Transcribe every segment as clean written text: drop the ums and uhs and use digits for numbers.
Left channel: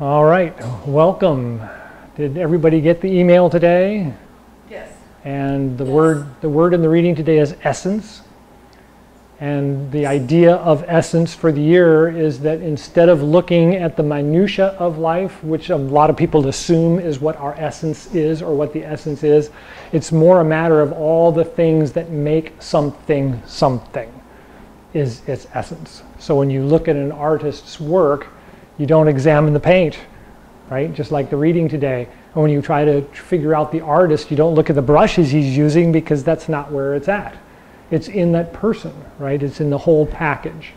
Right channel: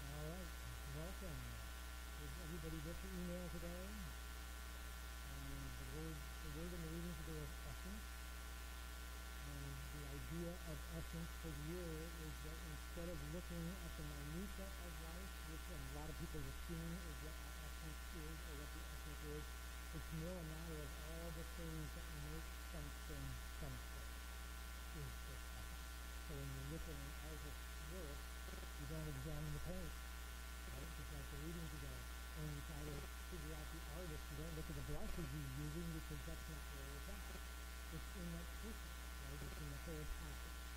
All right, welcome. Did everybody get the email today? Yes. And the word in the reading today is essence. And the idea of essence for the year is that instead of looking at the minutia of life, which a lot of people assume is what our essence is or what the essence is, it's more a matter of all the things that make something something is its essence. So when you look at an artist's work, you don't examine the paint, right? Just like the reading today. And when you try to figure out the artist, you don't look at the brushes he's using because that's not where it's at. It's in that person, right? It's in the whole package.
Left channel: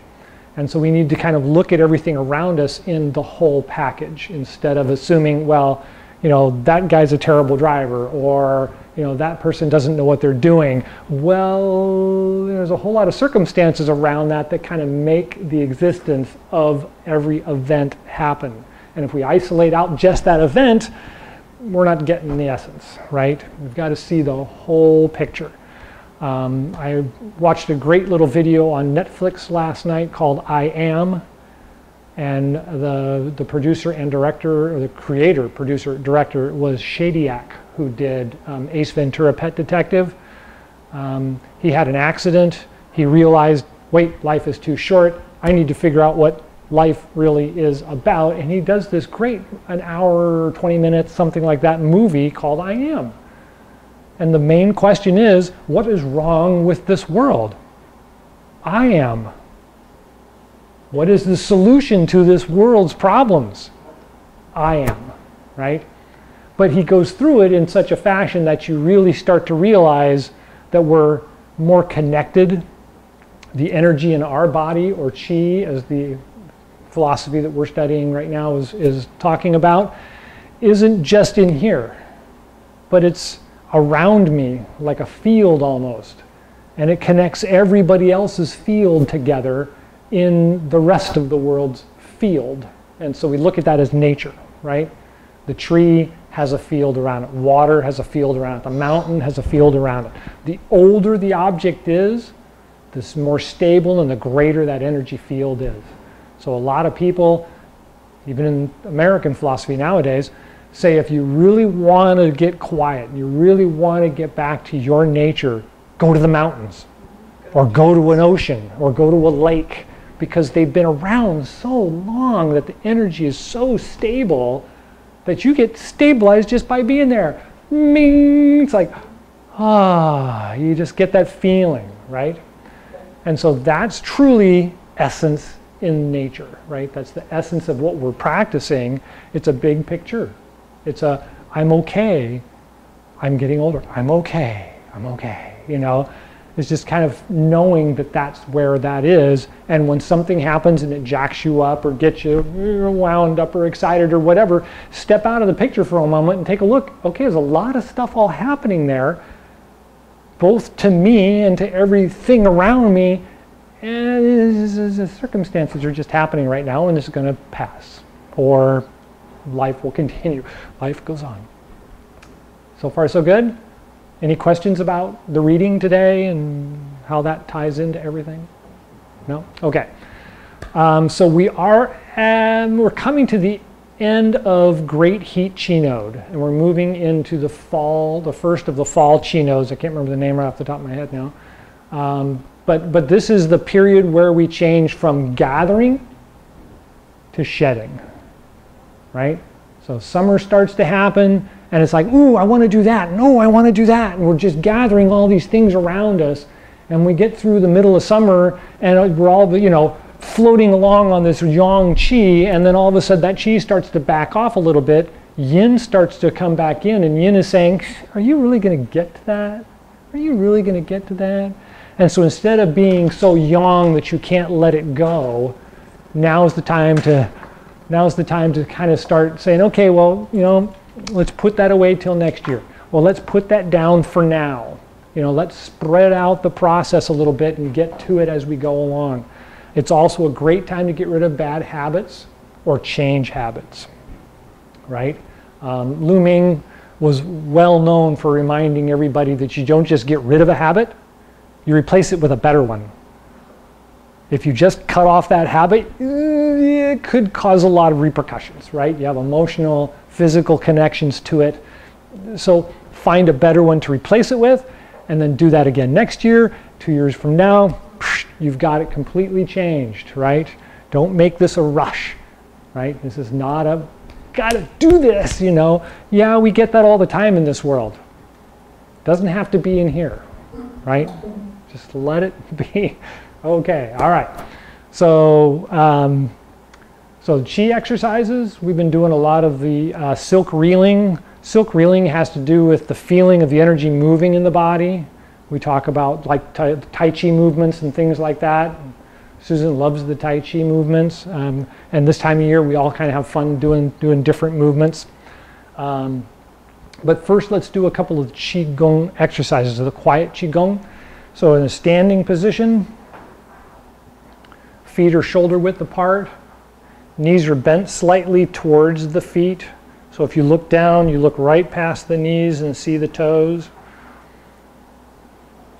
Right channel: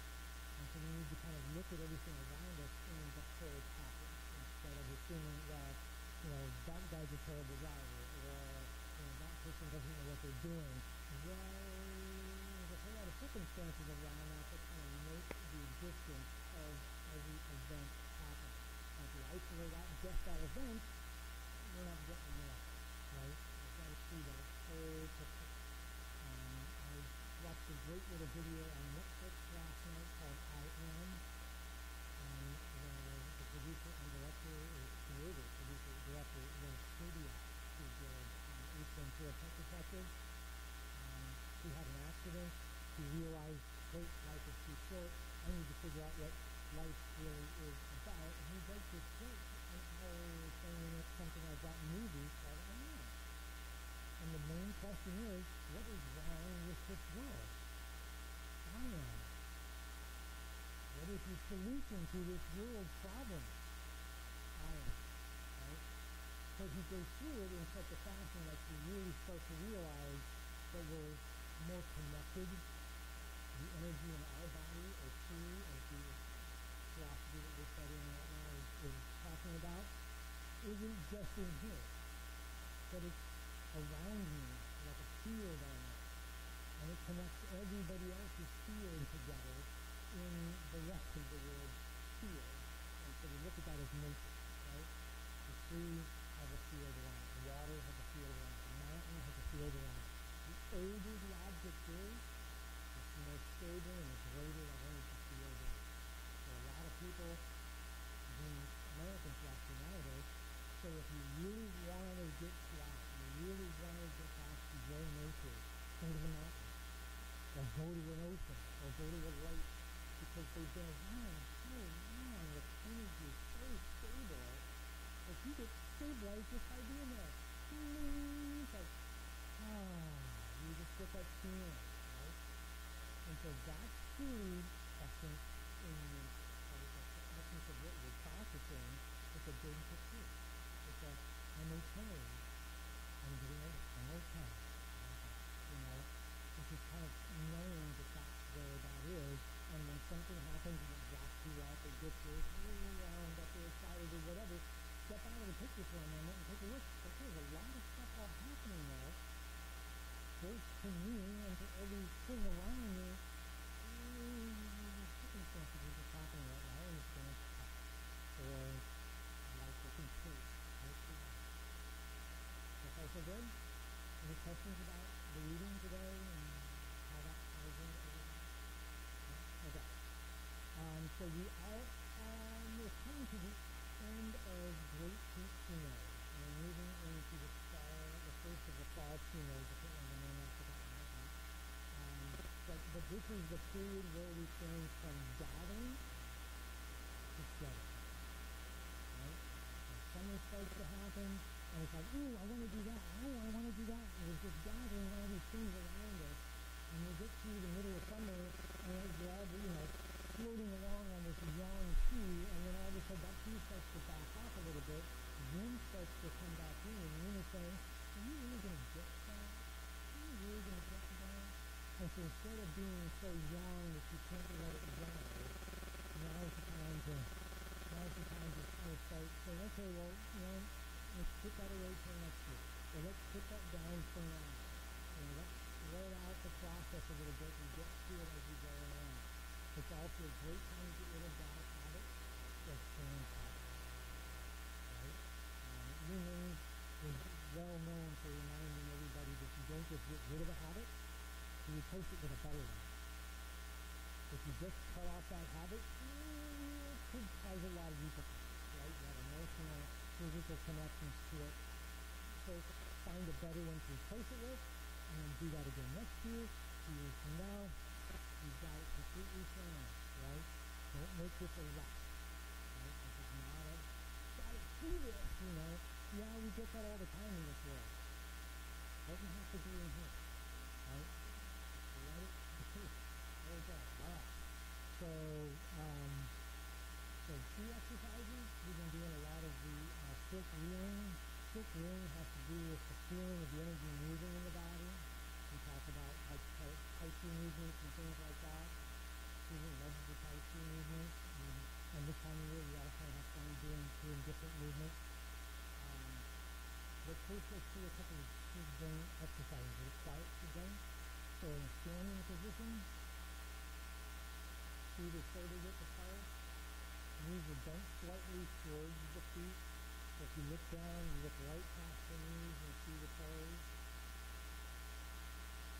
And so we need to kind of look at everything around us in the whole package instead of assuming, well, you know, that guy's a terrible driver, or, you know, that person doesn't know what they're doing. Well, there's a whole lot of circumstances around that that kind of make the existence of every event happen. And if we isolate out just that event, we're not getting the essence, right? We've got to see the whole picture. I watched a great little video on Netflix last night called I Am, and the producer and director, or the creator, producer, director was Shadyac, who did Ace Ventura: Pet Detective. He had an accident. He realized, wait, life is too short. I need to figure out what life really is about. And he does this great, an hour, 20 minutes, something like that, movie called I Am. And the main question is, what is wrong with this world? I am. What is the solution to this world's problems? I am, right? But he goes through it in such a fashion that you really start to realize that we're more connected. The energy in our body, or Chi, as the philosophy that we're studying right now is talking about, isn't just in here, but it's around me, like a field almost. And it connects everybody else's field together in the rest of the world's field. And so we look at that as nature, right? The tree has a field around it. Water has a field around it. The mountain has a field around it. The older the object is, the more stable and the greater that energy field is. So a lot of people, even in American philosophy nowadays, say if you really want to get quiet, you really want to get back to your nature, go to the mountains, or go to an ocean, or go to a lake, because they've been around so long that the energy is so stable that you get stabilized just by being there. It's like, you just get that feeling, right? And so that's truly essence in nature, right? That's the essence of what we're practicing. It's a big picture. It's a, I'm okay, I'm getting older, I'm okay, you know? It's just kind of knowing that that's where that is, and when something happens and it jacks you up or gets you wound up or excited or whatever, step out of the picture for a moment and take a look. Okay, there's a lot of stuff all happening there, both to me and to everything around me, and the circumstances are just happening right now, and this is going to pass, or life will continue. Life goes on. So far, so good? Any questions about the reading today and how that ties into everything? No? Okay. So we're coming to the end of Great Heat Chi Node, and we're moving into the fall, the first of the fall Chi Nodes. I can't remember the name right off the top of my head now. But this is the period where we change from gathering to shedding. Right? So summer starts to happen, and it's like, ooh, I want to do that. No, I want to do that. And we're just gathering all these things around us. And we get through the middle of summer, and we're all, you know, floating along on this yang qi, and then all of a sudden that qi starts to back off a little bit. Yin starts to come back in, and yin is saying, are you really going to get to that? Are you really going to get to that? And so instead of being so yang that you can't let it go, now's the time to kind of start saying, okay, well, you know, let's put that away till next year. Well, let's put that down for now. You know, let's spread out the process a little bit and get to it as we go along. It's also a great time to get rid of bad habits or change habits, right? Lu Ming was well known for reminding everybody that you don't just get rid of a habit, you replace it with a better one. If you just cut off that habit, it could cause a lot of repercussions, right? You have emotional, physical connections to it. So find a better one to replace it with, and then do that again next year. 2 years from now, you've got it completely changed, right? Don't make this a rush, right? This is not a, gotta do this, you know. Yeah, we get that all the time in this world. Doesn't have to be in here, right? Just let it be. Okay, all right. So, so Chi exercises, we've been doing a lot of the silk reeling. Silk reeling has to do with the feeling of the energy moving in the body. We talk about like Tai Chi movements and things like that. Susan loves the Tai Chi movements. And this time of year, we all kind of have fun doing different movements. But first, let's do a couple of Chi Gung exercises, the quiet Chi Gung. So in a standing position, feet are shoulder width apart. Knees are bent slightly towards the feet. So if you look down, you look right past the knees and see the toes.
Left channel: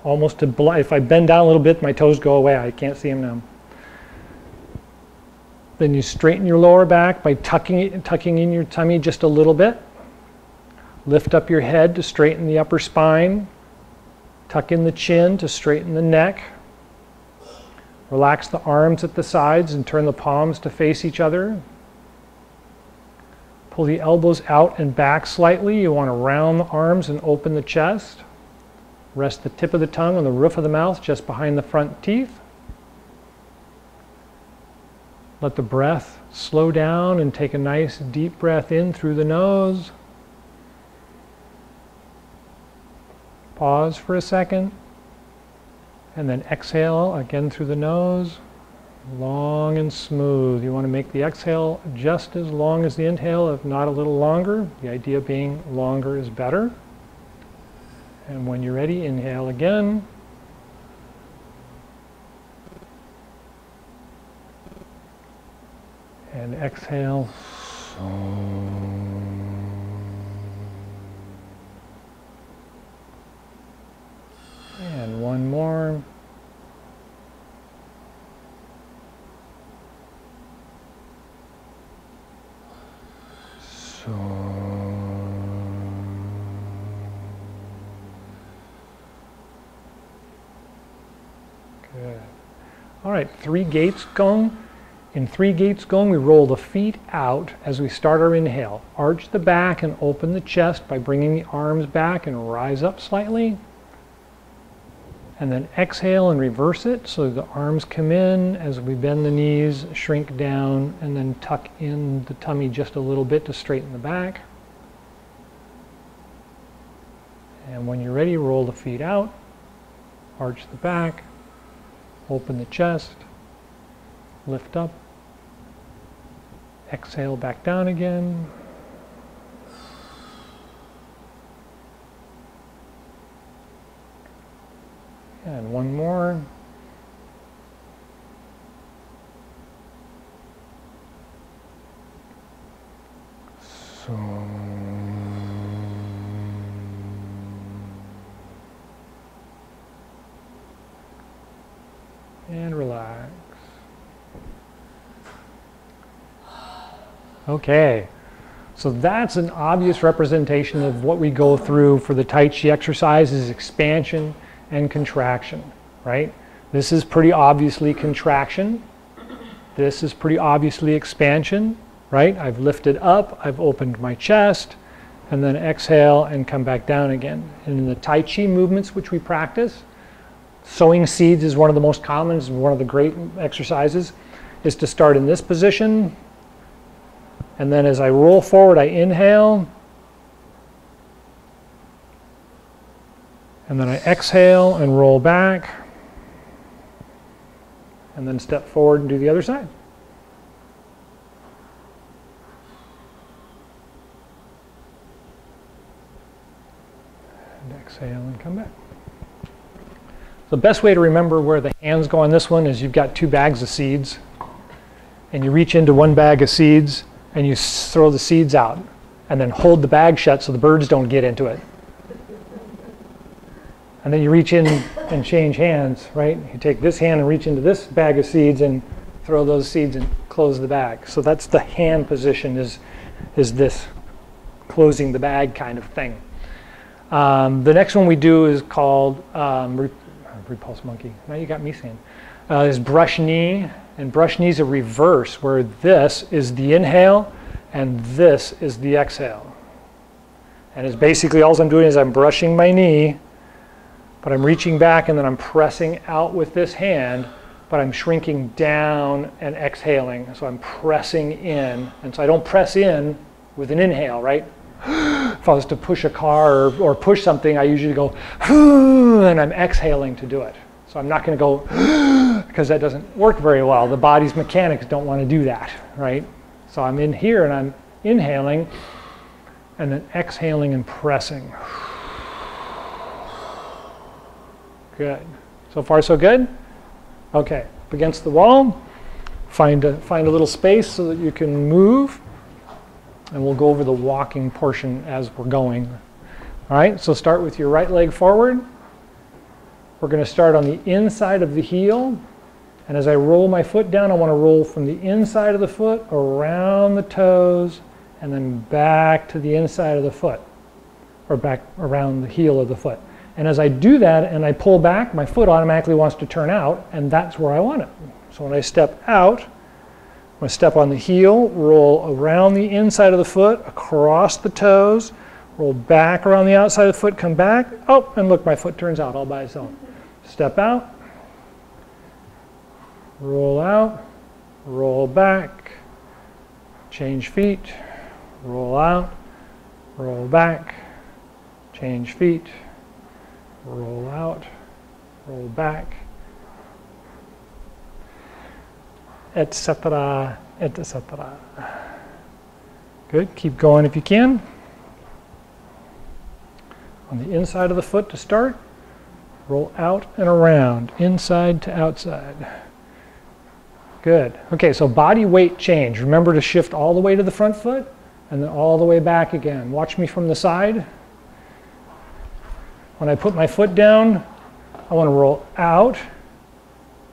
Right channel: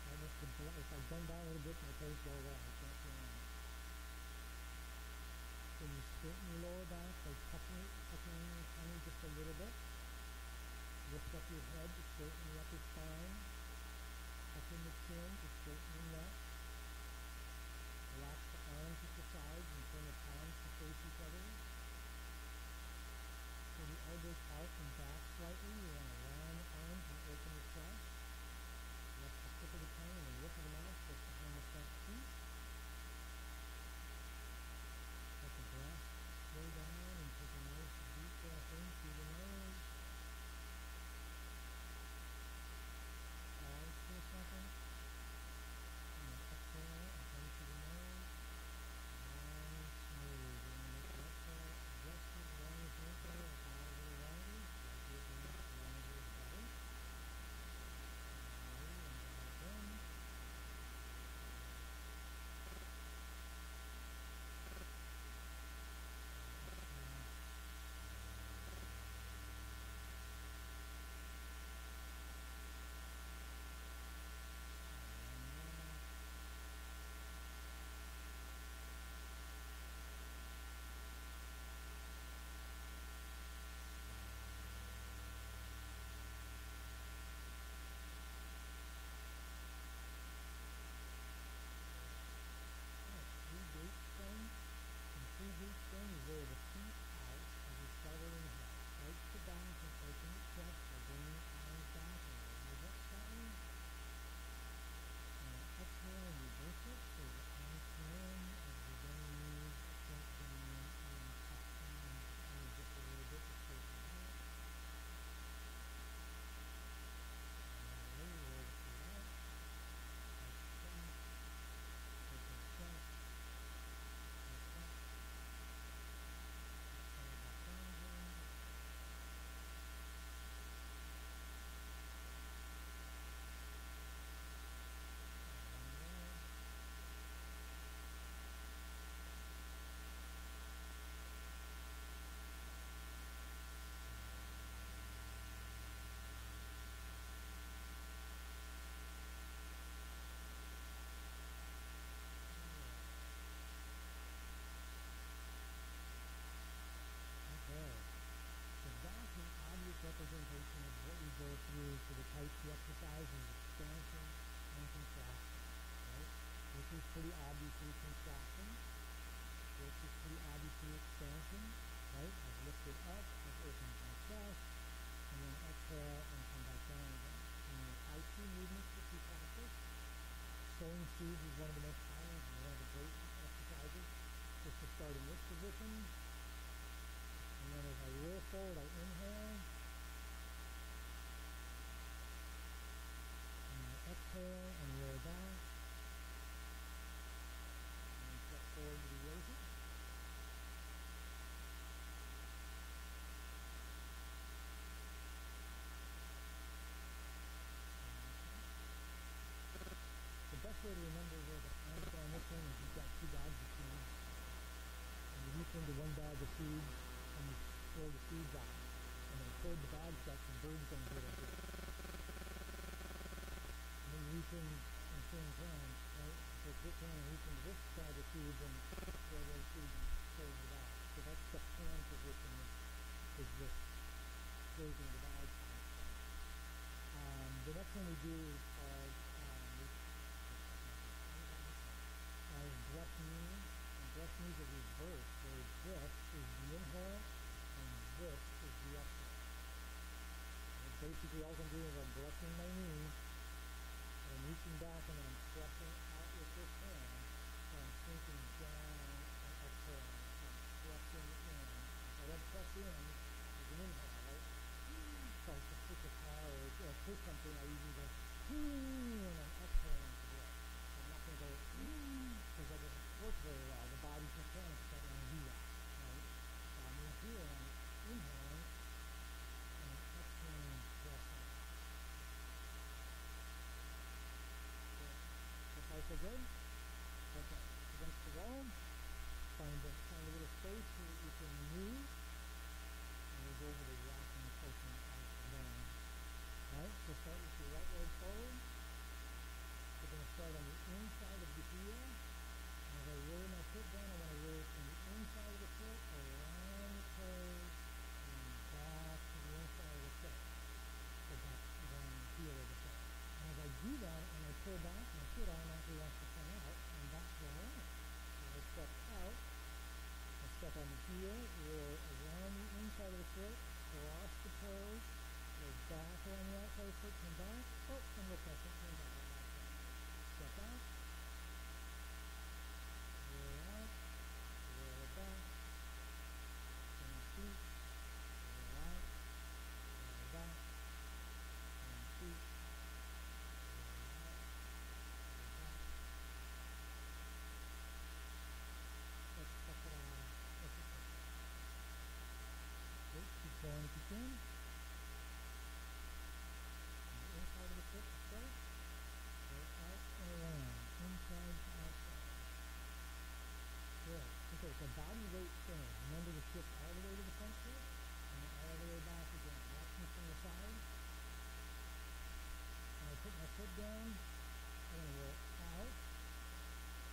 Almost to if I bend down a little bit, my toes go away. I can't see them now. Then you straighten your lower back by tucking in your tummy just a little bit. Lift up your head to straighten the upper spine. Tuck in the chin to straighten the neck. Relax the arms at the sides and turn the palms to face each other. Pull the elbows out and back slightly. You want to round the arms and open the chest. Rest the tip of the tongue on the roof of the mouth just behind the front teeth. Let the breath slow down and take a nice deep breath in through the nose. Pause for a second. And then exhale again through the nose. Long and smooth. You want to make the exhale just as long as the inhale, if not a little longer. The idea being longer is better. And when you're ready, inhale again. And exhale. And one more. Good. All right, 3 gates Gung. In 3 gates Gung, we roll the feet out as we start our inhale. Arch the back and open the chest by bringing the arms back and rise up slightly. And then exhale and reverse it so the arms come in as we bend the knees, shrink down, and then tuck in the tummy just a little bit to straighten the back. And when you're ready, roll the feet out, arch the back, open the chest, lift up, exhale back down again. And one more. So. And relax. Okay, so that's an obvious representation of what we go through for the Tai Chi exercise is expansion and contraction, right? This is pretty obviously contraction. This is pretty obviously expansion, right? I've lifted up, I've opened my chest, and then exhale and come back down again. And in the Tai Chi movements which we practice, sowing seeds is one of the most common, is one of the great exercises, is to start in this position, and then as I roll forward, I inhale, and then I exhale and roll back, and then step forward and do the other side. And exhale and come back. The best way to remember where the hands go on this one is you've got 2 bags of seeds, and you reach into one bag of seeds, and you throw the seeds out, and then hold the bag shut so the birds don't get into it. And then you reach in and change hands, right? You take this hand and reach into this bag of seeds and throw those seeds and close the bag. So that's the hand position, is this closing the bag kind of thing. The next one we do is called repulse monkey. Now you got me saying. Is brush knee. And brush knee is a reverse, where this is the inhale and this is the exhale. And it's basically all I'm doing is I'm brushing my knee, but I'm reaching back and then I'm pressing out with this hand, but I'm shrinking down and exhaling. So I'm pressing in. And so I don't press in with an inhale, right? If I was to push a car or push something, I usually go, and I'm exhaling to do it. So I'm not going to go, because that doesn't work very well. The body's mechanics don't want to do that, right? So I'm in here and I'm inhaling and then exhaling and pressing. Good. So far, so good? Okay. Up against the wall. Find a little space so that you can move. And we'll go over the walking portion as we're going. All right, so start with your right leg forward. We're going to start on the inside of the heel. And as I roll my foot down, I want to roll from the inside of the foot, around the toes, and then back to the inside of the foot, or back around the heel of the foot. And as I do that and I pull back, my foot automatically wants to turn out, and that's where I want it. So when I step out, I'm going to step on the heel, roll around the inside of the foot, across the toes, roll back around the outside of the foot, come back. Oh, and look, my foot turns out all by its own. Step out, roll out, roll back, change feet, roll out, roll back, change feet, roll out, roll back, etc., etc. Good. Keep going if you can. On the inside of the foot to start, roll out and around, inside to outside. Good. Okay, so body weight change. Remember to shift all the way to the front foot and then all the way back again. Watch me from the side. When I put my foot down, I want to roll out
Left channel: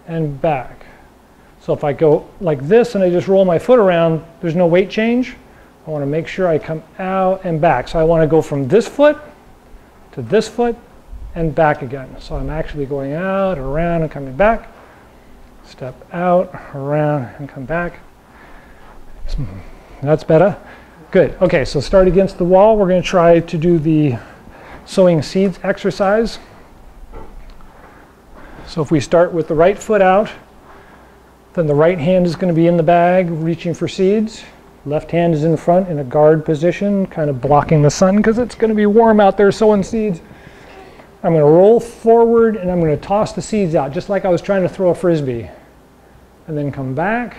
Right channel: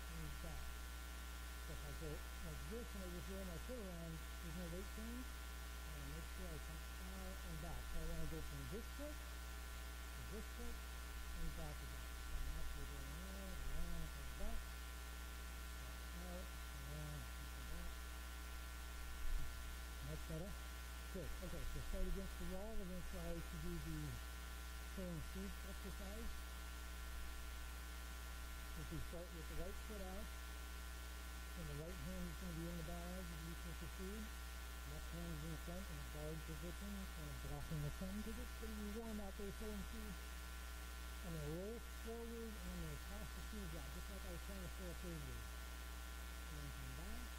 and back. So if I go like this and I just roll my foot around, there's no weight change. I want to make sure I come out and back. So I want to go from this foot to this foot and back again. So I'm actually going out, around, and coming back. Step out, around, and come back. That's better. Good. Okay, so start against the wall. We're going to try to do the sowing seeds exercise. So if we start with the right foot out, then the right hand is going to be in the bag, reaching for seeds. Left hand is in front in a guard position, kind of blocking the sun because it's going to be warm out there sowing seeds. I'm going to roll forward and I'm going to toss the seeds out, just like I was trying to throw a frisbee. And then come back,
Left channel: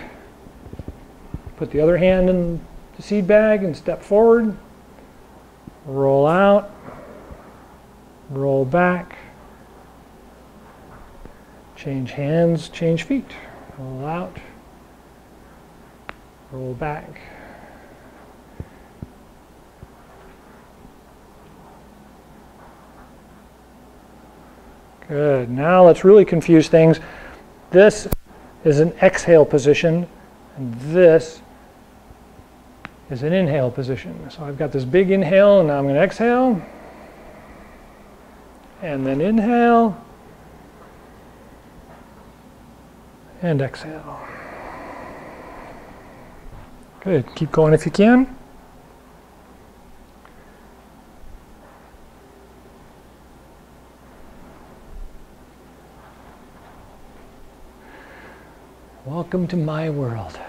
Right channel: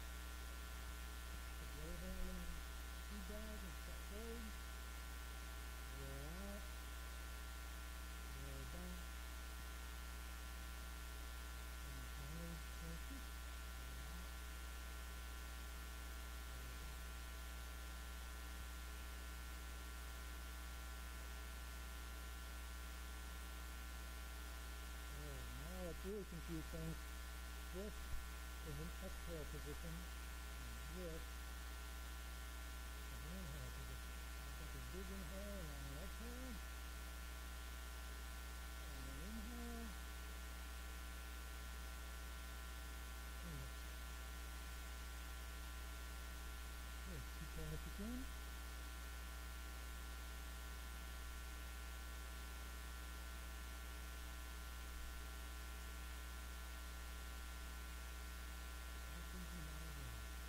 put the other hand in the seed bag and step forward, roll out, roll back, change hands, change feet. Roll out, roll back. Good. Now let's really confuse things. This is an exhale position, and this is an inhale position. So I've got this big inhale, and now I'm going to exhale, and then inhale, and exhale. Good. Keep going if you can. Welcome to my world.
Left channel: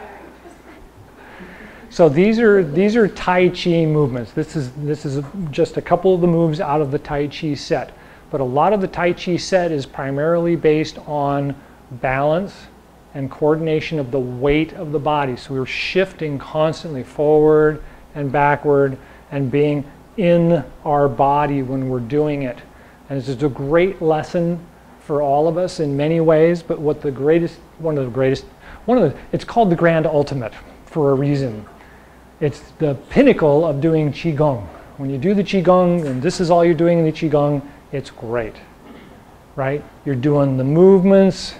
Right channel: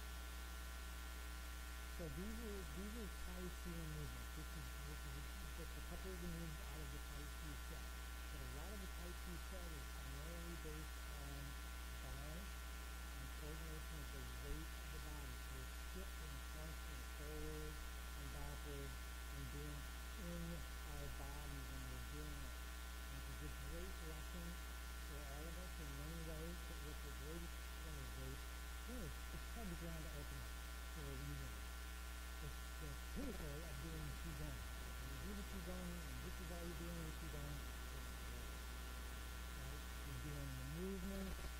So these are Tai Chi movements. This is just a couple of the moves out of the Tai Chi set. But a lot of the Tai Chi set is primarily based on balance and coordination of the weight of the body. So we're shifting constantly forward and backward and being in our body when we're doing it. And it's just a great lesson for all of us in many ways, but it's called the grand ultimate for a reason. It's the pinnacle of doing Chi Gung. When you do the Chi Gung, and this is all you're doing in the Chi Gung, it's great. right? You're doing the movements,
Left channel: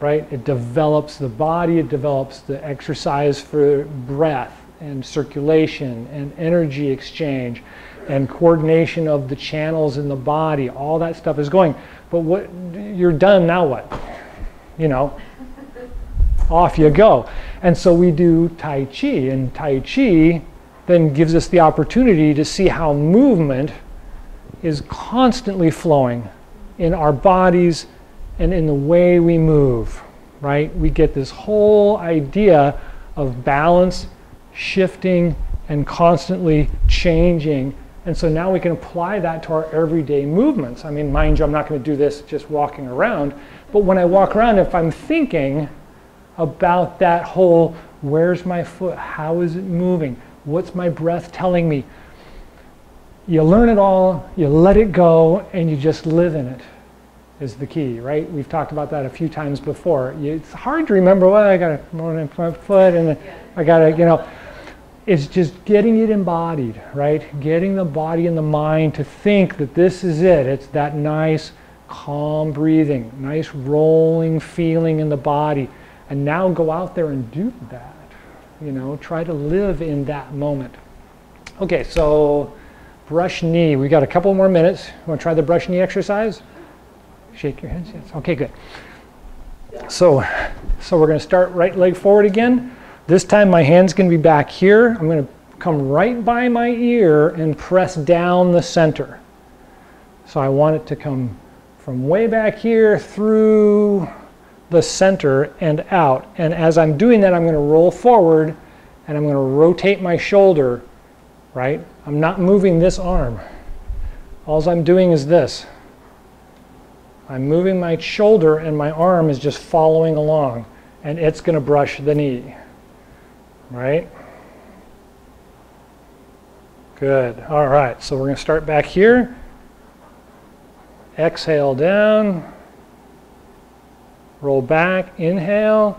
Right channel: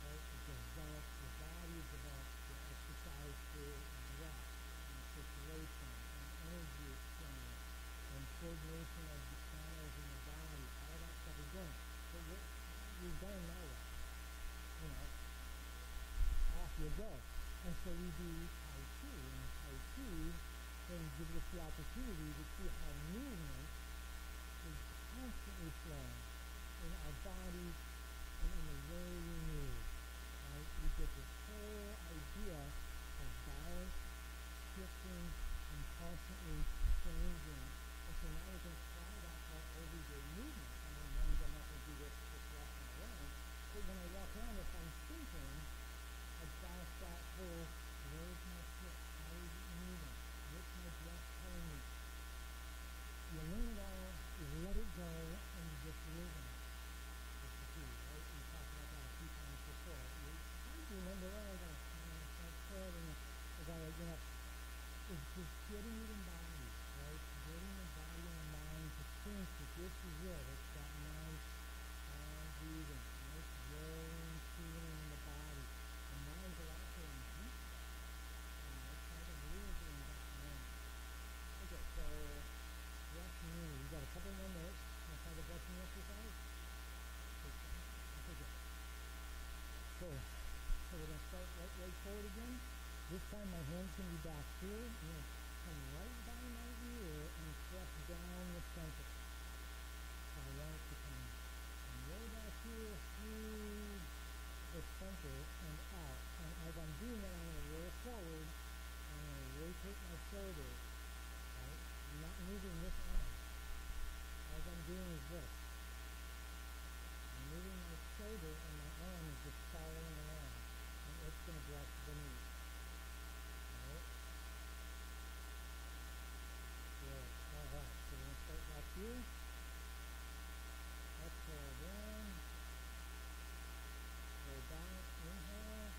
right? It develops the body, it develops the exercise for breath and circulation and energy exchange and coordination of the channels in the body. All that stuff is going. But what you're done, now what? You know, off you go. And so we do Tai Chi, and Tai Chi then gives us the opportunity to see how movement is constantly flowing in our bodies and in the way we move, right? We get this whole idea of balance, shifting, and constantly changing. And so now we can apply that to our everyday movements. I mean, mind you, I'm not going to do this just walking around, but when I walk around, if I'm thinking about that whole, where's my foot? How is it moving? What's my breath telling me? You learn it all, you let it go, and you just live in it is the key, right? We've talked about that a few times before. It's hard to remember, well, I got to move my foot, and I got to, you know, it's just getting it embodied, right? Getting the body and the mind to think that this is it. It's that nice, calm breathing, nice rolling feeling in the body. And now go out there and do that. You know, try to live in that moment. Okay, so brush knee. We got a couple more minutes. You want to try the brush knee exercise? Shake your head. Yes. Okay, good. So we're going to start right leg forward again. This time my hand's going to be back here. I'm going to come right by my ear and press down the center. So I want it to come from way back here through the center and out. And as I'm doing that, I'm going to roll forward and I'm going to rotate my shoulder, right? I'm not moving this arm. All I'm doing is this. I'm moving my shoulder and my arm is just following along, and it's going to brush the knee, right? Good. All right, so we're going to start back here. Exhale down. Roll back, inhale.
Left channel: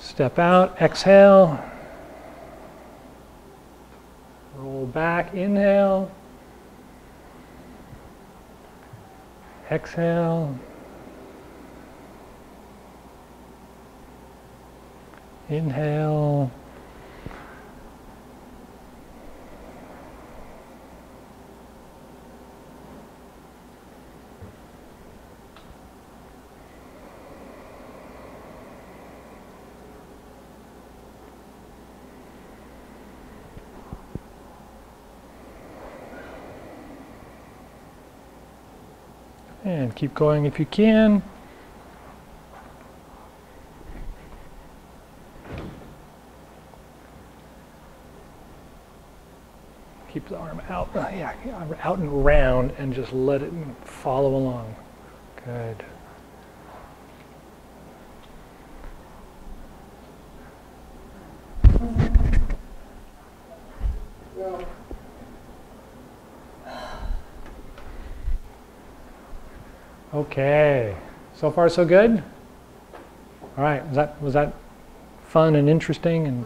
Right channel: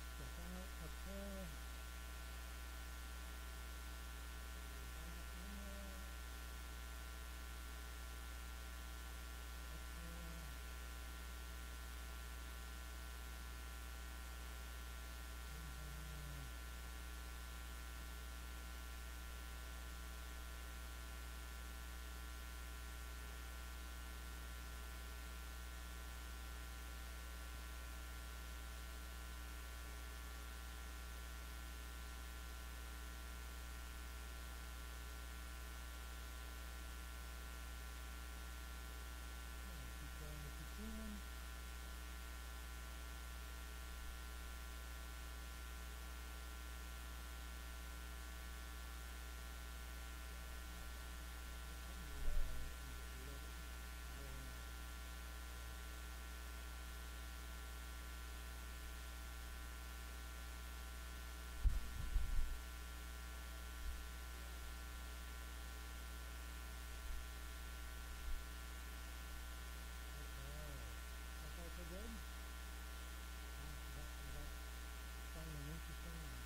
Step out, exhale. Roll back, inhale. Exhale. Inhale. And keep going if you can. Keep the arm out, yeah, out and around, and just let it follow along. Good. Okay, so far so good? All right, was that fun and interesting and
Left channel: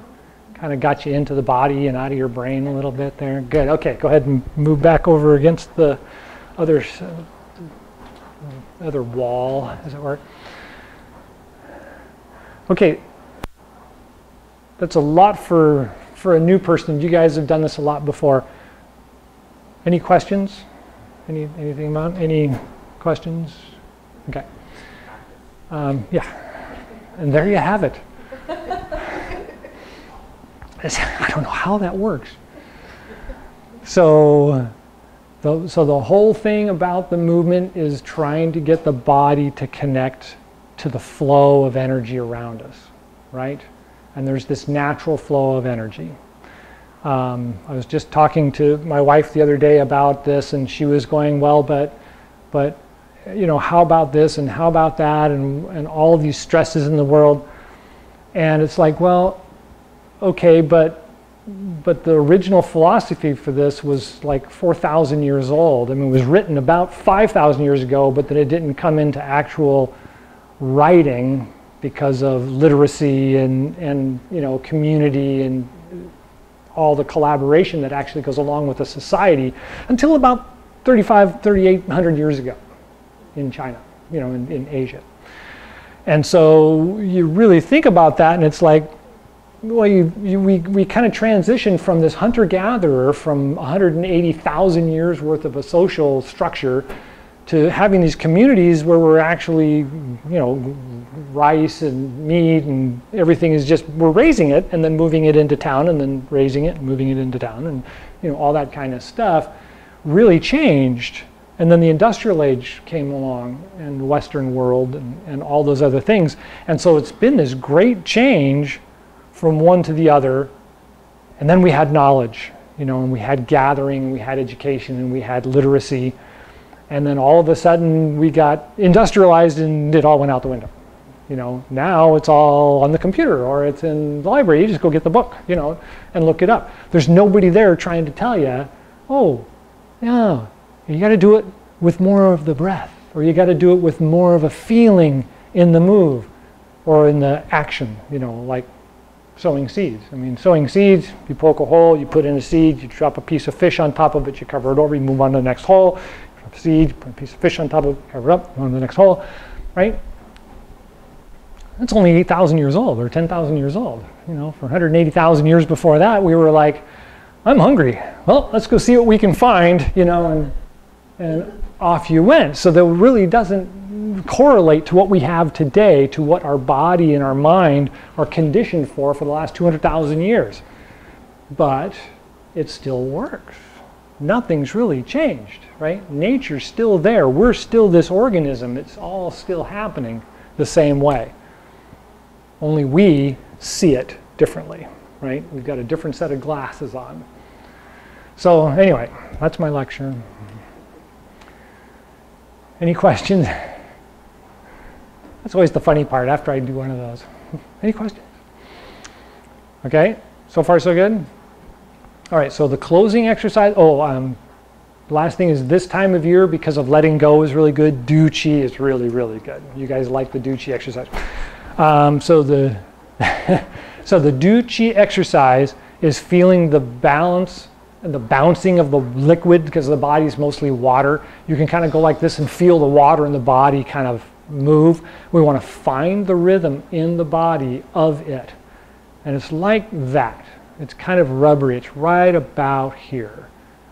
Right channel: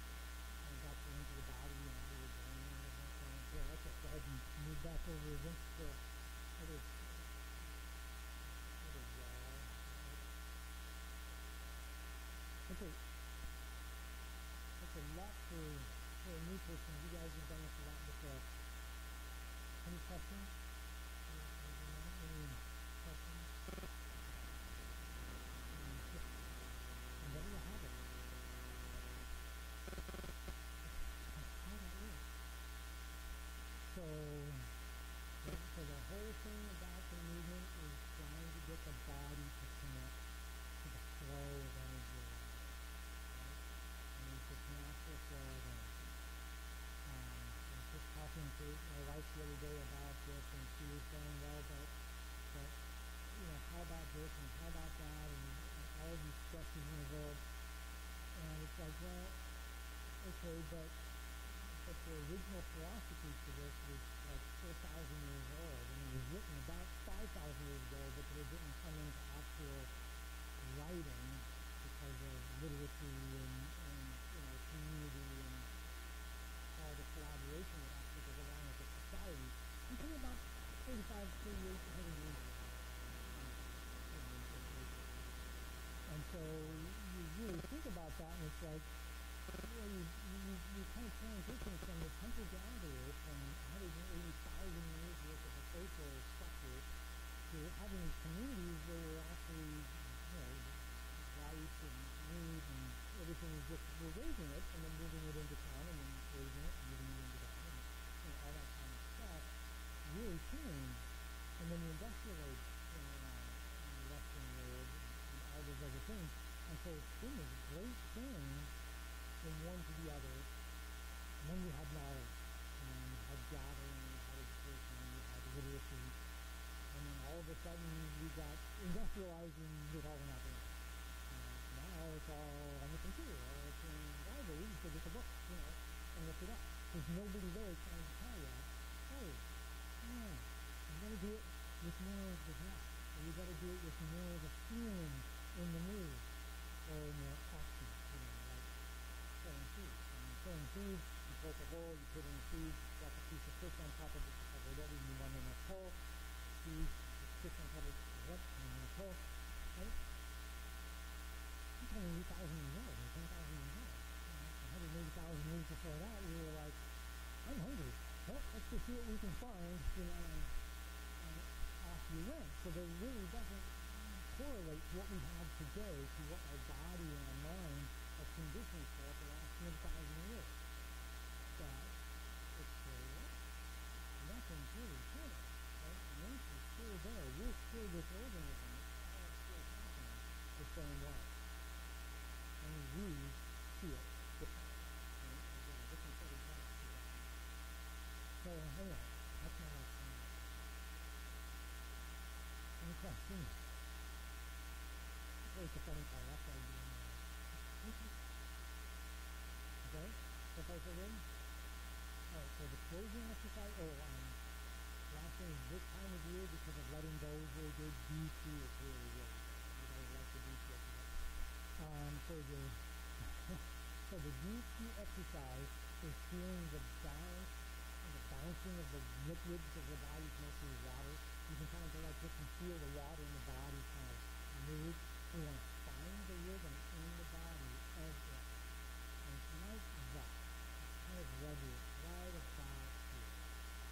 kind of got you into the body and out of your brain a little bit there? Good, okay, go ahead and move back over against the other wall, as it were. Okay, that's a lot for a new person. You guys have done this a lot before. Any questions? Anything about any questions? Okay. Yeah. And there you have it. I don't know how that works. So the whole thing about the movement is trying to get the body to connect to the flow of energy around us, right? And there's this natural flow of energy. I was just talking to my wife the other day about this, and she was going, well, but you know, how about this and how about that, and all of these stresses in the world. And it's like, well, okay, but the original philosophy for this was like 4,000 years old. I mean, it was written about 5,000 years ago, but then it didn't come into actual writing because of literacy and you know, community and all the collaboration that actually goes along with a society until about 3,800 years ago in China, in Asia. And so you really think about that, and it's like, well, we kind of transitioned from this hunter-gatherer from 180,000 years worth of a social structure to having these communities where we're actually, rice and meat and everything is just, we're raising it and then moving it into town and then raising it and moving it into town and, all that kind of stuff really changed. And then the industrial age came along and the Western world and all those other things. And so it's been this great change from one to the other. And then we had knowledge, and we had gathering, we had education, and we had literacy. And then all of a sudden we got industrialized and it all went out the window. Now it's all on the computer or it's in the library. You just go get the book, and look it up. There's nobody there trying to tell you, oh, yeah, you got to do it with more of the breath, or you got to do it with more of a feeling in the move or in the action, like sowing seeds. I mean, sowing seeds, you poke a hole, you put in a seed, you drop a piece of fish on top of it, you cover it over, you move on to the next hole, drop a seed, put a piece of fish on top of it, cover it up, move on to the next hole, right? That's only 8,000 years old or 10,000 years old. For 180,000 years before that, we were like, I'm hungry. Well, let's go see what we can find, and off you went. So that really doesn't correlate to what we have today, to what our body and our mind are conditioned for the last 200,000 years. But it still works. Nothing's really changed, right? Nature's still there. We're still this organism. It's all still happening the same way. Only we see it differently, right? We've got a different set of glasses on. So anyway, that's my lecture. Any questions? That's always the funny part after I do one of those. Any questions? Okay, so far so good? All right, so the closing exercise, the last thing is this time of year, because of letting go is really good, Do Chi is really, really good. You guys like the Do Chi exercise. So the Do Chi exercise is feeling the balance and the bouncing of the liquid, because the body is mostly water. You can kind of go like this and feel the water in the body kind of move. We want to find the rhythm in the body of it. And it's like that. It's kind of rubbery. It's right about here.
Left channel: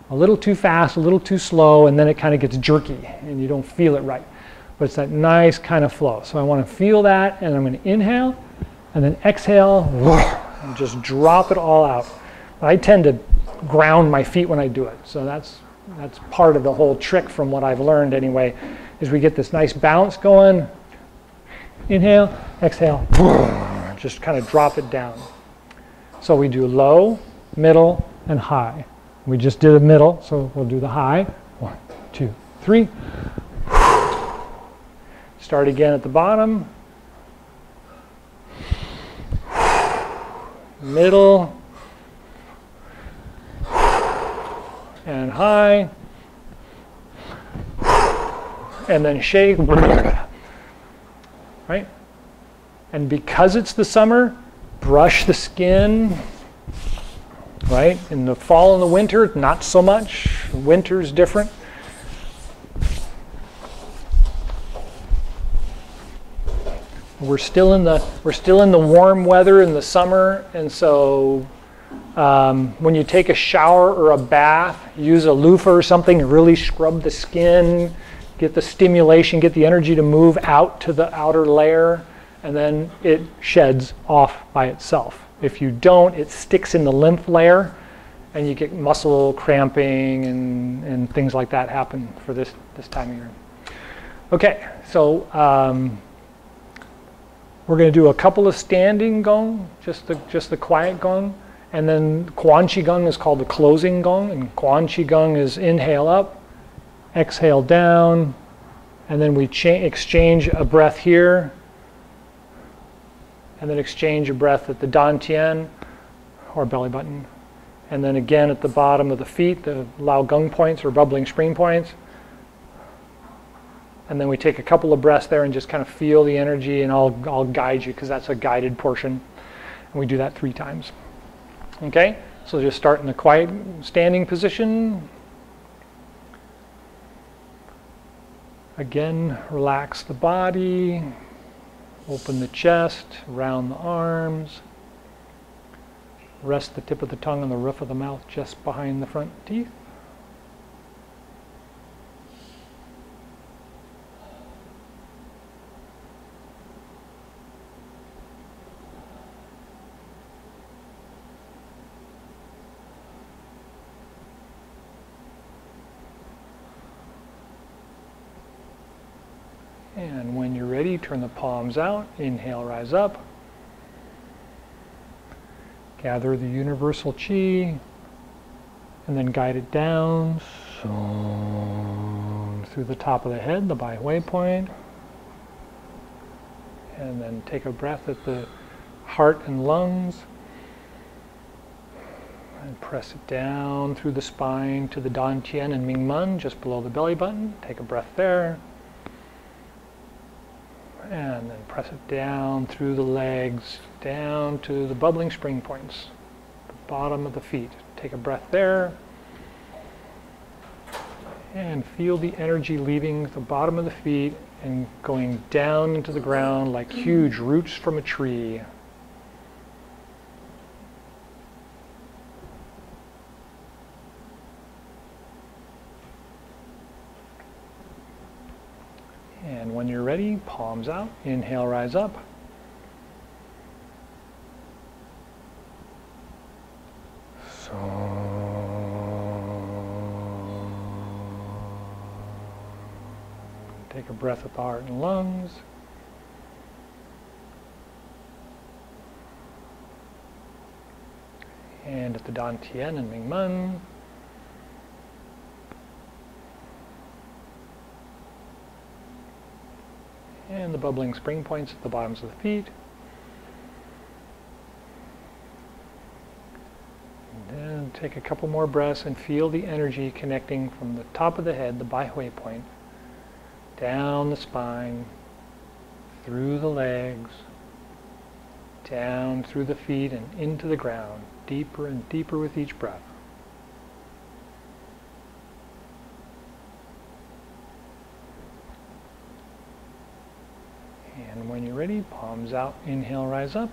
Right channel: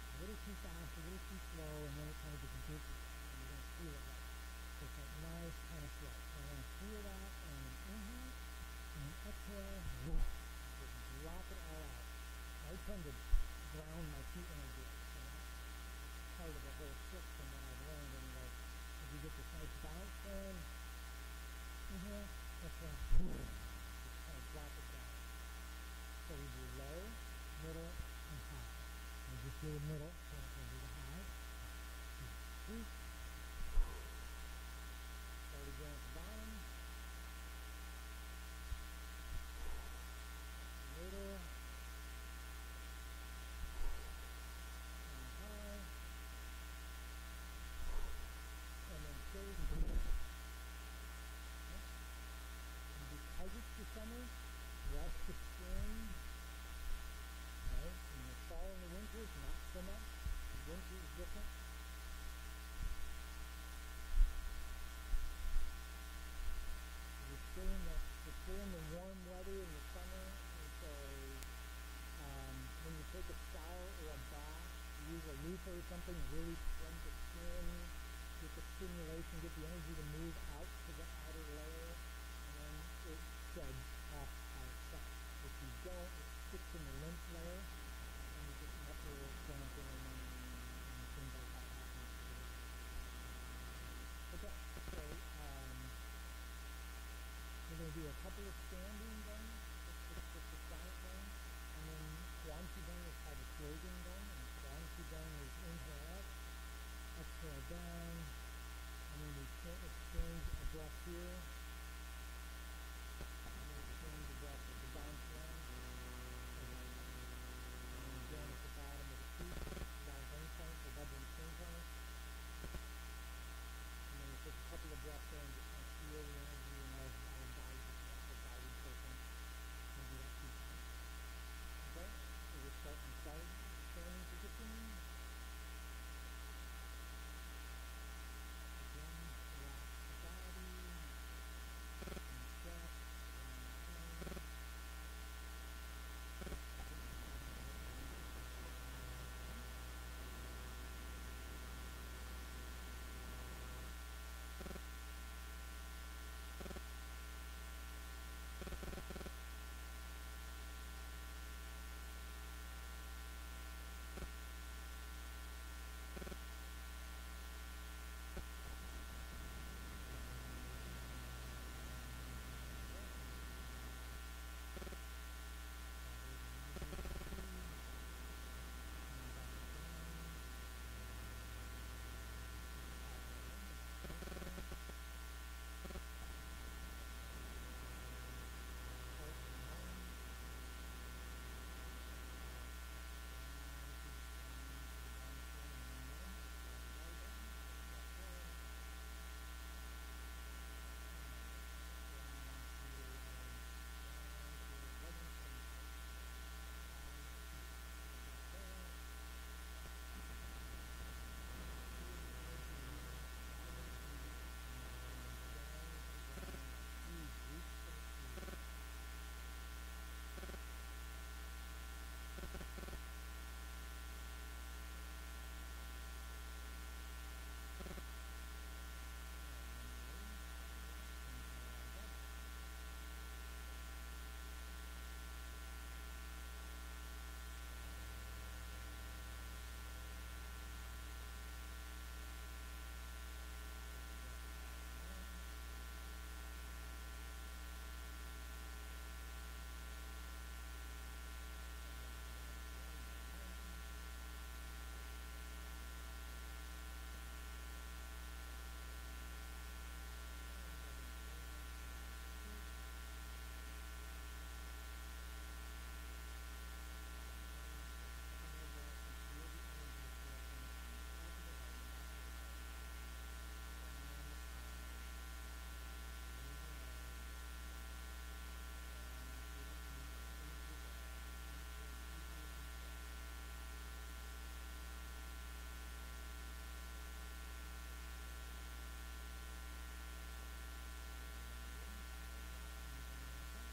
A little too fast, a little too slow, and then it kind of gets jerky and you don't feel it right. But it's that nice kind of flow. So I want to feel that, and I'm going to inhale and then exhale and just drop it all out. I tend to ground my feet when I do it. So that's part of the whole trick from what I've learned anyway, is we get this nice bounce going. Inhale, exhale, just kind of drop it down. So we do low, middle, and high. We just did a middle, so we'll do the high. 1, 2, 3. Start again at the bottom. Middle. And high. And then shake. Right? And because it's the summer, brush the skin. Right? In the fall and the winter, not so much. Winter's different. We're still in the warm weather in the summer, and so when you take a shower or a bath, use a loofah or something to really scrub the skin, get the stimulation, get the energy to move out to the outer layer, and then it sheds off by itself. If you don't, it sticks in the lymph layer, and you get muscle cramping and things like that happen for this time of year. Okay, so we're going to do a couple of standing gong, just the quiet gong, and then Quan Chi Gung is called the closing gong, and Quan Chi Gung is inhale up, exhale down, and then we exchange a breath here, and then exchange a breath at the dantian, or belly button, and then again at the bottom of the feet, the Lao Gung points or bubbling spring points. And then we take a couple of breaths there and just kind of feel the energy, and I'll guide you because that's a guided portion. And we do that 3 times. Okay? So just start in a quiet standing position. Again, relax the body, open the chest, round the arms. Rest the tip of the tongue on the roof of the mouth just behind the front teeth. And when you're ready, turn the palms out. Inhale, rise up. Gather the universal chi, and then guide it down through the top of the head, the Bai Hui point. And then take a breath at the heart and lungs. And press it down through the spine to the Dan Tian and Ming Men, just below the belly button. Take a breath there. And then press it down through the legs, down to the bubbling spring points, the bottom of the feet. Take a breath there. And feel the energy leaving the bottom of the feet and going down into the ground like huge roots from a tree. And when you're ready, palms out. Inhale, rise up. Take a breath at the heart and lungs. And at the Dan Tian and Ming Men. And the bubbling spring points at the bottoms of the feet. And then take a couple more breaths and feel the energy connecting from the top of the head, the Bai Hui point, down the spine, through the legs, down through the feet and into the ground, deeper and deeper with each breath. And when you're ready, palms out, inhale, rise up.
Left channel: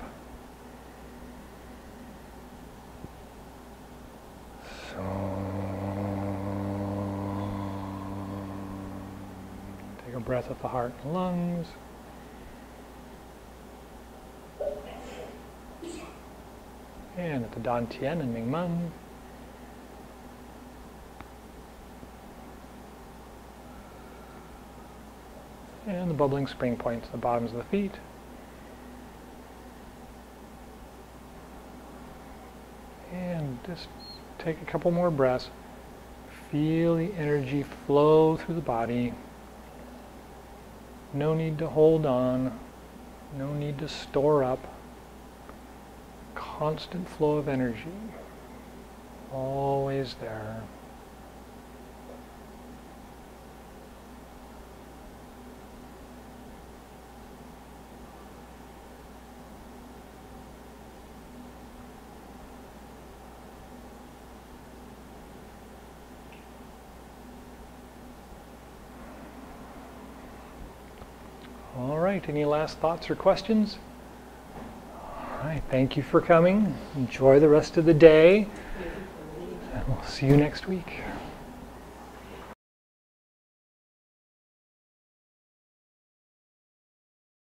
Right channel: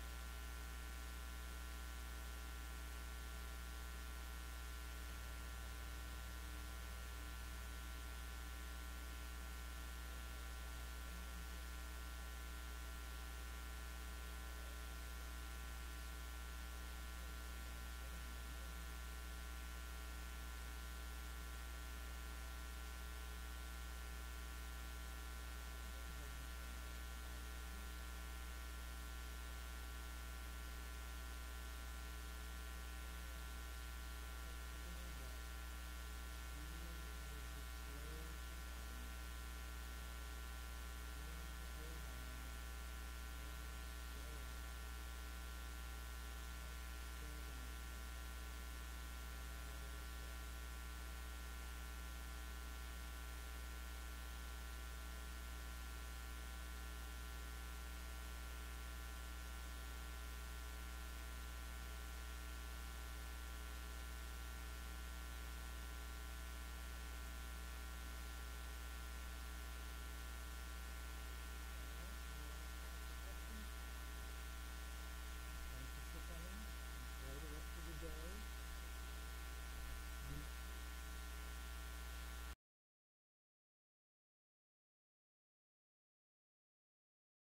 Take a breath at the heart and lungs. And at the Dan Tian and Ming Men. And the bubbling spring points at the bottoms of the feet. And just take a couple more breaths. Feel the energy flow through the body. No need to hold on. No need to store up. Constant flow of energy. Always there. All right, any last thoughts or questions? All right, thank you for coming. Enjoy the rest of the day, and we'll see you next week.